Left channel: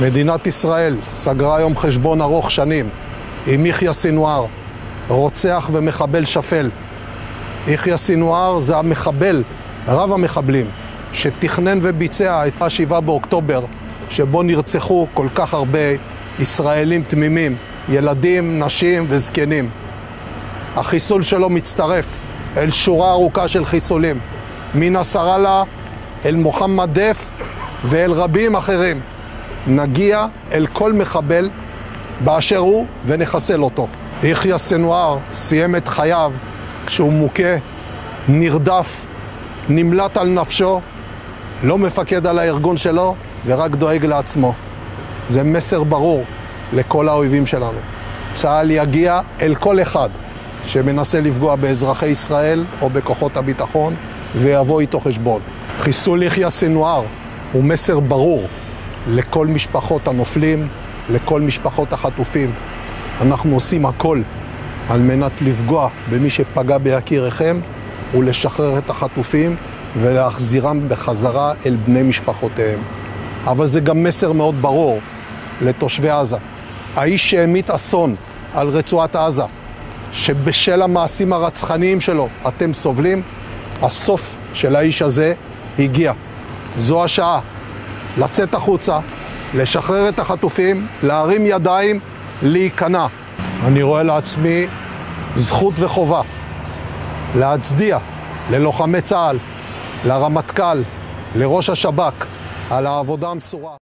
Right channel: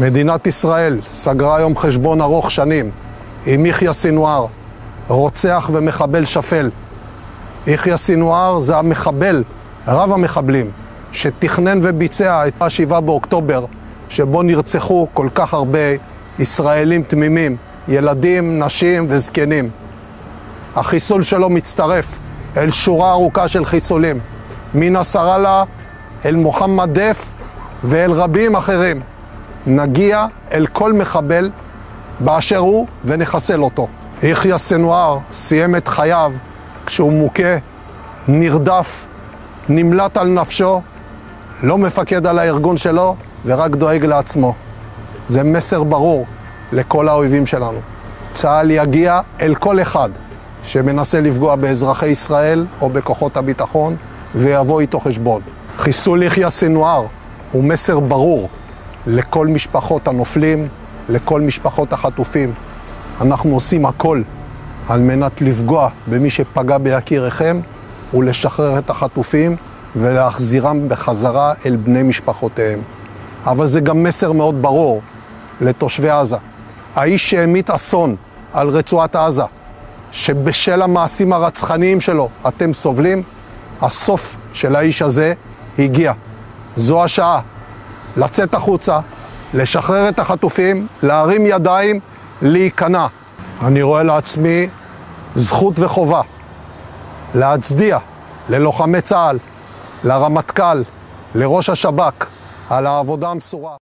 מדינת ישראל סגרה היום חשבון ארוך שנים עם יחיא סנוואר, רוצח ומחבל שפל. יחיא סנוואר זה המחבל, רב המחבלים, שתכנן וביצע את 7 באוקטובר, שבו נרצחו כל כך הרבה ישראלים תמימים, ילדים, נשים וזקנים. החיסול שלו מצטרף אל שורה ארוכה של חיסולים, מנסראללה אל מוחמד דף ואל רבים אחרים. נגיע אל כל מחבל באשר הוא ונחסל אותו. יחיא סנוואר סיים את חייו כשהוא מוכה, נרדף, נמלט על נפשו, לא מפקד על הארגון שלו ורק דואג לעצמו. זה מסר ברור לכל האויבים שלנו. צה"ל יגיע אל כל אחד שמנסה לפגוע באזרחי ישראל או בכוחות הביטחון ויבוא איתו חשבון. חיסול יחיא סנוואר הוא מסר ברור לכל משפחות הנופלים, לכל משפחות החטופים. אנחנו עושים הכל על מנת לפגוע במי שפגע ביקיריכם ולשחרר את החטופים ולהחזירם בחזרה אל בני משפחותיהם. אבל זה גם מסר מאוד ברור לתושבי עזה. האיש שהמיט אסון על רצועת עזה, שבשל המעשים הרצחניים שלו אתם סובלים, הסוף של האיש הזה הגיע. זו השעה לצאת החוצה, לשחרר את החטופים, להרים ידיים, להיכנע. אני רואה לעצמי זכות וחובה להצדיע ללוחמי צה"ל, לרמטכ"ל, לראש השב"כ, על העבודה המסורה.